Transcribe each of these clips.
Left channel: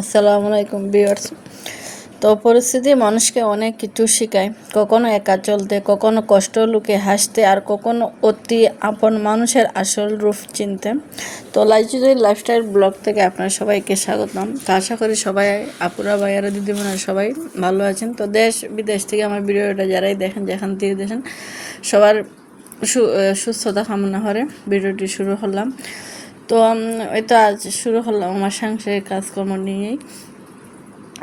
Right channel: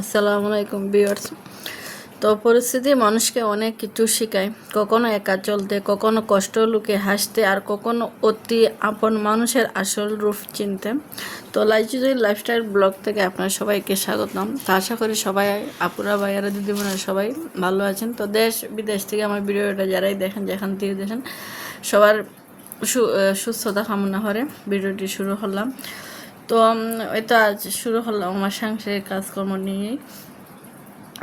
আসসালামু আলাইকুম ভিউয়ার্স। তো পরিস্থিতি মানুষকে অনেক কিছু শেখায়, কখনো একা চলতে, কখনো কষ্ট লুকে হাসতে, আর কখনো অতি আপন মানুষের আসল রূপ চিনতে। তো লাইফস্টাইল ব্লগ থেকে আপনার সবাইকে স্বাগতম। তো আশা করি সবাই আপুরা ভাইয়ারা দিদিমণিরা সবাই ভালো আছেন। তো দেশ বিদেশ থেকে আমার ভিডিওটা যারাই দেখেন, যেখান থেকে দেখেন, সবার সুস্থতা কামনা করে ভিডিওটি শুরু করলাম। তো এই তো আজ শুরু করলাম আমার সাংসারিক কাজকর্ম নিয়েই।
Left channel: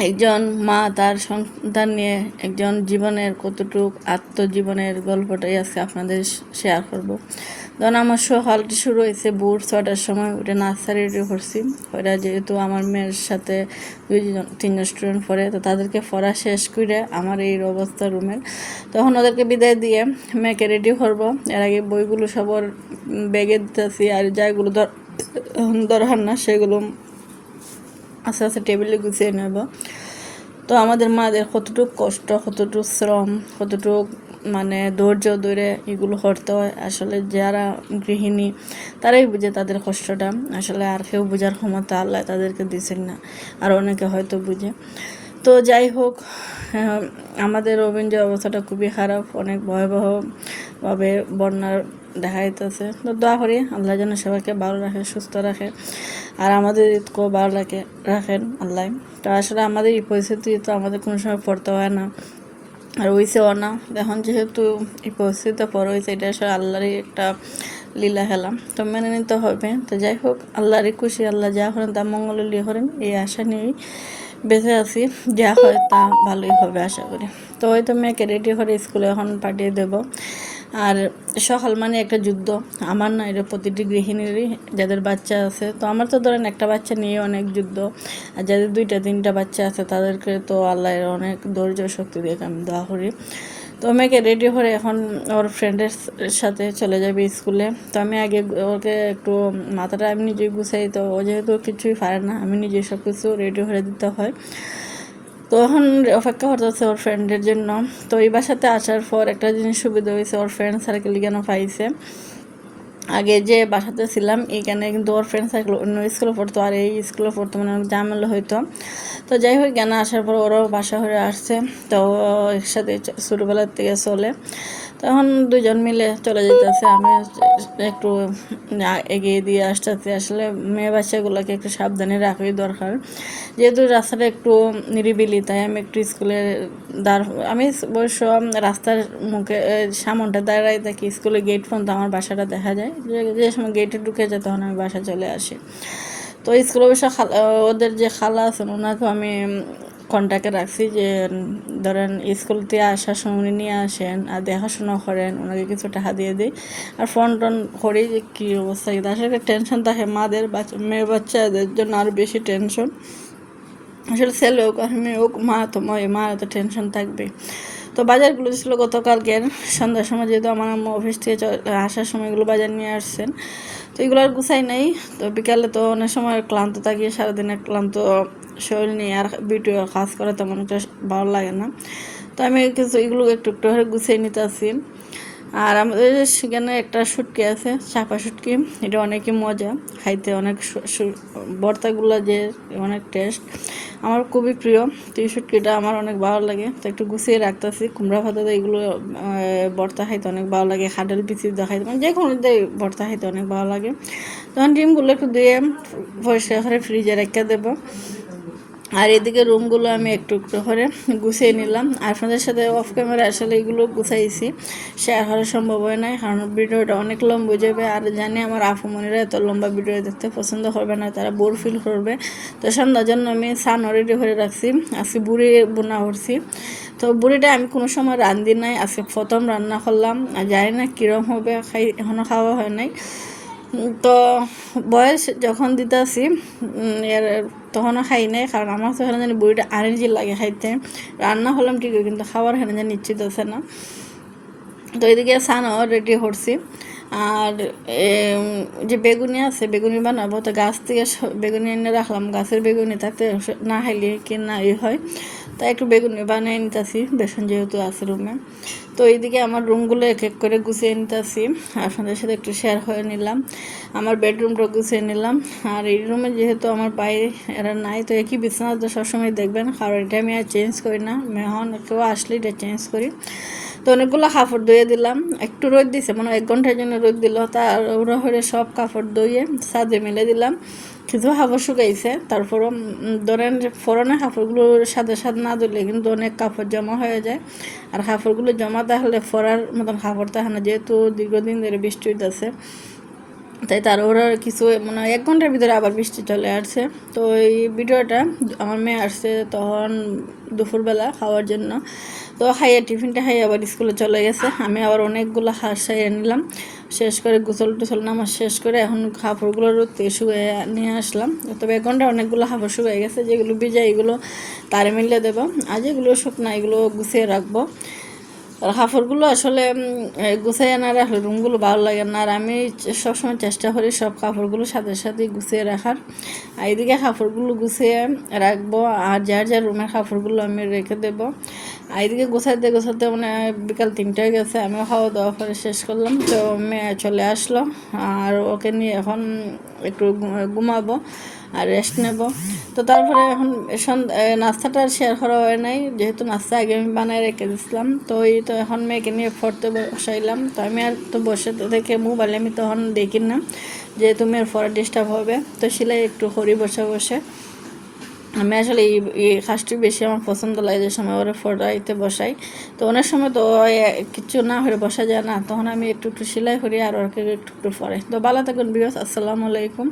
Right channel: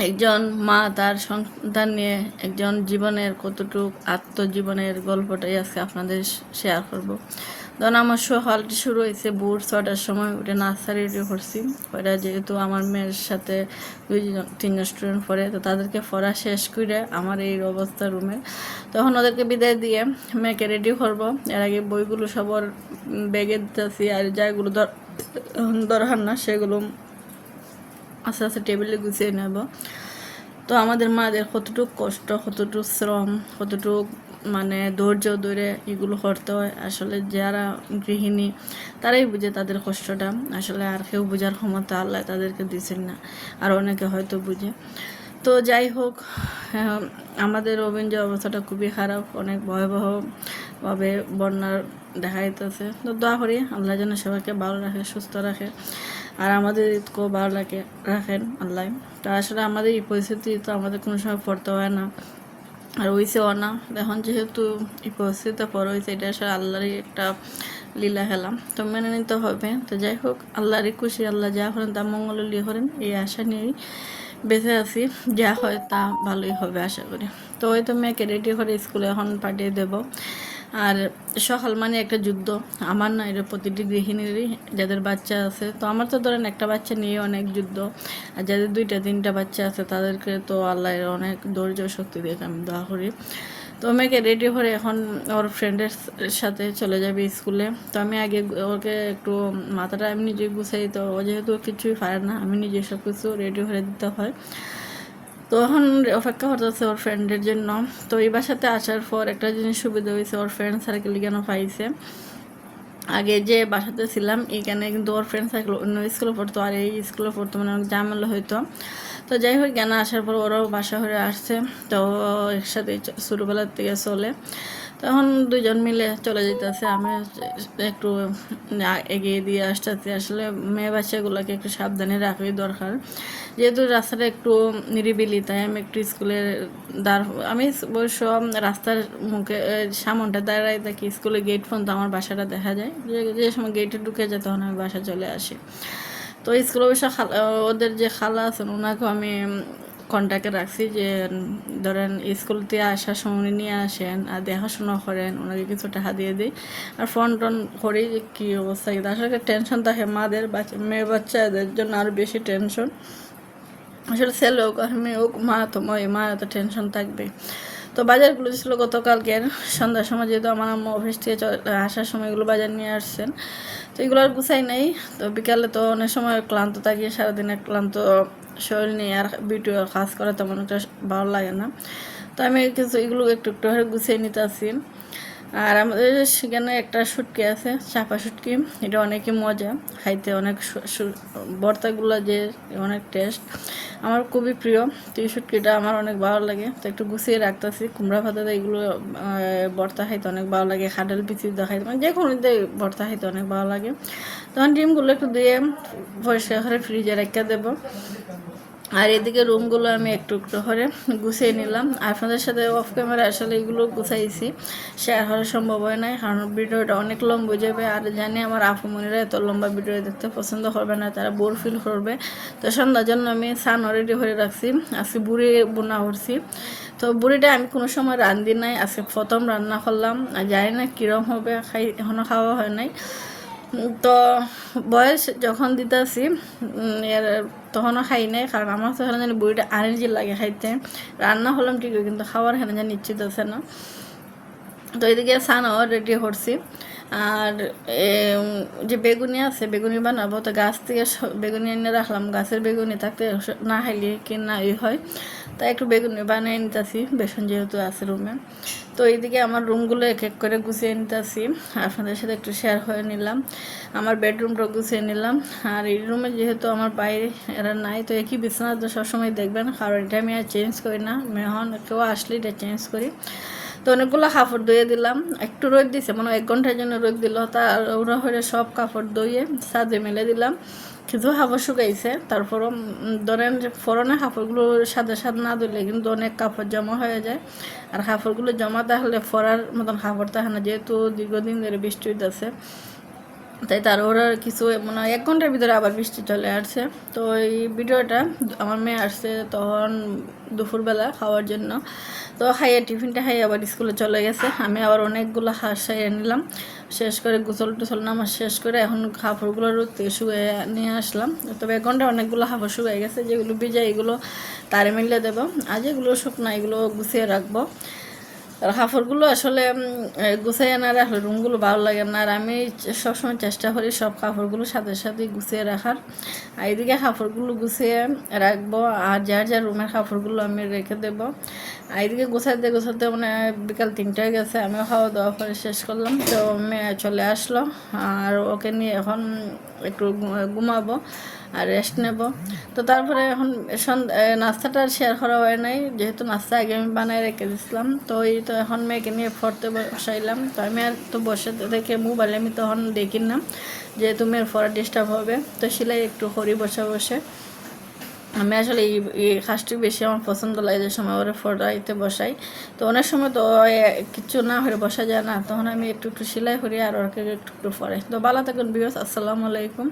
একজন মা তার সন্তান নিয়ে একজন জীবনের কতটুক আত্মজীবনের গল্পটাই আজকে আপনাদের শেয়ার করব। কারণ আমার সকালটি শুরু হয়েছে ভোর 6টার সময় উঠে নাস্তা রেডি করছি। ওরা যেহেতু আমার মেয়ের সাথে তিনজন স্টুডেন্ট পড়ে, তো তাদেরকে পড়া শেষ করে আমার এই অবস্থা রুমের, তখন ওদেরকে বিদায় দিয়ে মেয়েকে রেডি করবো। এর আগে বইগুলো সবার ব্যাগে দিতেছি, আর যাইগুলো দরকার না সেগুলো আস্তে আস্তে টেবিলে গুছিয়ে নেব। তো আমাদের মাদের কতটুকু কষ্ট, কতটুকু শ্রম, কতটুকু ধৈর্য ধরে এগুলো করতে হয়। আসলে যারা গৃহিণী তারাই বুঝে তাদের কষ্টটা। আসলে আর কেউ বোঝার ক্ষমতা আল্লাহ তাদেরকে দিচ্ছেন না, আর অনেকে হয়তো বুঝে। তো যাই হোক, আমাদের অভিনয় অবস্থাটা খুবই খারাপ, অনেক ভয়াবহভাবে বন্যার দেখা দিতেছে। তো দোয়া করি আল্লাহ যেন সবাইকে ভালো রাখে, সুস্থ রাখে, আর আমাদের ঈদকেও ভালো রাখেন আল্লাহ। তো আসলে আমাদের এই পরিস্থিতি তো আমাদের কোনো সময় পড়তে হয় না, আর হয়েছেও না। এখন যেহেতু এই পরিস্থিতিটা পর হয়েছে, এটা আসলে আল্লাহরই একটা লীলা খেলাম, তো মেনে নিতে হবে। তো যাই হোক, আল্লাহরই খুশি, আল্লাহ যা করেন তা মঙ্গল লিয়ে করেন, এই আশা নিয়েই বেঁচে আছি। যা হয় তা ভালোই হবে আশা করি। তো হয়তো মেয়েকে রেডি করে স্কুলে এখন পাঠিয়ে দেব। আর সকাল একটা যুদ্ধ, আমার না, এটা প্রতিটি গৃহিণীরই যাদের বাচ্চা আছে। তো আমার তো ধরেন একটা বাচ্চা নিয়ে অনেক যুদ্ধ, আর যাদের 2-3টা বাচ্চা আছে তাদেরকে তো আল্লাহর অনেক ধৈর্য শক্তি দিয়ে আমি দোয়া করি। তো মেয়েকে রেডি করে এখন ওর ফ্রেন্ডের সাথে চলে যাবে স্কুলে। তো আমি আগে ওকে একটু মাথাটা আমি নিজেই গুছাই, তো ও যেহেতু কিছুই পারে না, আমি নিজে সব কিছু রেডি করে দিতে হয়। তো এখন অপেক্ষা করতেছে ওর ফ্রেন্ডের জন্য। তো এই বাসাতে আসার পর একটা জিনিস সুবিধা হয়েছে, ওর ফ্রেন্ড সার্কেল কেন পাইছে। আগে যে বাসাতে ছিলাম এখানে কিন্তু ওর ফ্রেন্ড সার্কেল অন্য স্কুলে পড়তো, আর এই স্কুলে পড়তো, অনেক ঝামেলা হইতো। তো যাই হোক, জ্ঞান আসার পর ওরাও বাসা হয়ে আসছে। তো একসাথে ছোটোবেলার থেকে চলে, তখন দুজন মিলে চলে যেতেছে। আমি একটু এগিয়ে দিয়ে আসতেছি। আসলে মেয়ে বাচ্চাগুলোকে একটু সাবধানে রাখাই দরকার, যেহেতু রাস্তাটা একটু নিরিবিলি, তাই আমি একটু স্কুলের আমি অবশ্য রাস্তার মুখে সামনটা দাঁড়াই থাকি। স্কুলের গেট পর্যন্ত আমার বাসাটা দেখা যায়, যে সময় গেটে ঢুকে যায় তখন আমি বাসা চলে আসি। তো স্কুলে অবশ্য ওদের যে খালা আছেন ওনাকেও আমি কন্ট্যাক্টে রাখছি, যে ধরেন স্কুল থেকে আসার সময় উনি নিয়ে আসেন আর দেখাশোনা করেন, ওনাকে কিছু টাকা দিয়ে দিই, আর ফোন টোন করি যে কী অবস্থা। কিন্তু আসলে টেনশন থাকে মাদের, মেয়ে বাচ্চাদের জন্য আরও বেশি টেনশন। আসলে ছেলে হোক আর মেয়ে হোক, মা তো টেনশন থাকবে। তো বাজারগুলো ছিল গতকালকের সন্ধ্যার সময়, যেহেতু আমার আম্মা অফিস থেকে আসার সময় এগুলো বাজার নিয়ে আসছেন। তো এগুলো আর গুছাই নাই। তো বিকালে তো অনেক সময় ক্লান্ত থাকি, সারাদিনে ক্লান্ত শরীর নিয়ে আর ভিডিও কাজ করে তেমন একটা ভালো লাগে না। তো আমি কিছু এগুলো একটু একটু করে গুছিয়ে নিতে আসি। আর আমাদের সেখানে একটা শুটকি আছে, চাপা শুটকি, এটা অনেকই মজা খাইতে, অনেক ভর্তাগুলো যে অনেক টেস্ট, আমার খুবই প্রিয়। তো এই শুটকিটা আমার অনেক ভালো লাগে, তো একটু গুছিয়ে রাখতেছি। কুমড়া ভাতাতে এগুলো ভর্তা খাইতে অনেক ভালো লাগে, খাডাল পিসি খাইতে, যে কোনো ভর্তা খাইতে অনেক ভালো লাগে। তখন ডিমগুলো একটু ধুয়ে পরিষ্কার করে ফ্রিজে রেখে দেবো। আর এদিকে রুমগুলো আমি একটু একটু করে গুছিয়ে নিলাম। আর আপনাদের সাথে অফ ক্যামেরা আসলে এগুলো গুছাইছি, শেয়ার করা সম্ভব হয় না, কারণ ভিডিওটা অনেক লম্বা হয়ে যাবে। আর জানি আমার আফুমনিরা এত লম্বা ভিডিও দেখতে পছন্দ করবে না, তারা বোর ফিল করবে। তো সন্ধ্যার জন্য আমি সান রেডি করে রাখছি, আজকে বুড়ি বোনা করছি। তো বুড়িটা আমি কোনো সময় রান্ধি নাই, আজকে প্রথম রান্না করলাম, আর জানি না কীরকম হবে, এখনও খাওয়া হয় নাই। তো বয়স যখন দিতে আসি এর তখনও খাই নাই, কারণ আমার তো এখানে জানি বইটা আরেঞ্জি লাগে খাইতে। রান্না হলাম ঠিকই, কিন্তু খাওয়ার এখানে জানি নিশ্চিত আছে না। তো এদিকে সানও রেডি করছি, আর যে বেগুনি আছে বেগুনি বানাবো, তো গাছ থেকে বেগুনি এনে রাখলাম, গাছের বেগুনি থাকতে না খাইলে কি না হয়, তাই একটু বেগুনি বানিয়ে নিতেছি, বেসন যেহেতু আছে রুমে। তো এইদিকে আমার রুমগুলো এক এক করে গুছিয়ে নিতেছি, আপনাদের সাথে একটু শেয়ার হয়ে নিলাম। আমার বেডরুমটা গুছিয়ে নিলাম। আর এই রুমে যেহেতু আমার বাইরে এরা নাই, তো একই বিছানা তো সবসময় দেখবেন, কারণ এটা আমি আর চেঞ্জ করি না, মেহমান কেউ আসলে এটা চেঞ্জ করি। তো অনেকগুলো কাপড় ধুয়ে দিলাম, একটু রোদ দিছে, মানে 1 ঘন্টার জন্য রোদ দিল, তার ওরা হয়ে সব কাপড় ধুয়ে ছাদে মিলে দিলাম। কিছু কাপড় শুকাইছে, তারপরও ধরেন ফোরনের কাপড়গুলো সাথে সাথে না ধুলে কিন্তু অনেক কাপড় জমা হয়ে যায়, আর কাপড়গুলো জমা থাকলে ফরার মতন কাপড় থাকে না, যেহেতু দীর্ঘদিন ধরে বৃষ্টি হইতেছে, তাই তার ওরা কিছু মানে 1 ঘন্টার ভিতরে আবার বৃষ্টি চলে আসছে। তো এই ভিডিওটা আমার মেয়ে আসছে তখন দুপুরবেলা খাওয়ার জন্য, তো খাইয়ে টিফিনটা খাইয়ে আবার স্কুলে চলে গেছে। আমি আবার অনেকগুলো হাঁস সাইয়ে নিলাম, শেষ করে গোসল টোসল নামাজ শেষ করে এখন কাপড়গুলো রোদতে শুয়ে নিয়ে আসলাম। তবে 1 ঘন্টা অনেকগুলো কাপড় শুকিয়ে গেছে, যেগুলো ভিজা এগুলো তারে মিলিয়ে দেবো, আর যেগুলো শুকনো এগুলো গুছিয়ে রাখবো। আর কাপড়গুলো আসলে গুছিয়ে না রাখলে রুমগুলো ভালো লাগে না, আর আমি সবসময় চেষ্টা করি সব কাপড়গুলো সাথে সাথে গুছিয়ে রাখার। আর এদিকে কাপড়গুলো গুছিয়ে রাখবো, আর যার যার রুমের কাপড়গুলো আমি রেখে দেবো। আর এদিকে গোছাতে গোছাতে মানে বিকাল 3টায় গেছে, আমিও খাওয়া দাওয়া করে শেষ করলাম, তো মেয়ে চলে আসলো, আর ওকে নিয়ে এখন একটু ঘুমাবো আর রেস্ট নেব। তো তারপরে এখন নাস্তাটা শেয়ার করা হয় নাই, যেহেতু নাস্তা আগে আমি বানাই রেখে দিয়েছিলাম। তো এই তো এখন মেয়েকে নিয়ে পড়তে বসাইলাম, তো আমি আর তো বসে থেকে মোবাইল আমি তখন দেখি না, যেহেতু মেয়ের পড়া ডিস্টার্ব হবে, তো সেলাই একটু করি বসে বসে। আমি আসলে এই কাজটি বেশি আমার পছন্দ লাগে, যে সময় ওরা ফটোইতে বসাই, তো অনেক সময় তো কিছু না হয়ে বসা যায় না, তখন আমি একটু একটু সেলাই করি আর ওকে একটু একটু পরে। তো ভালো থাকুন বিকজ আসসালামু আলাইকুম।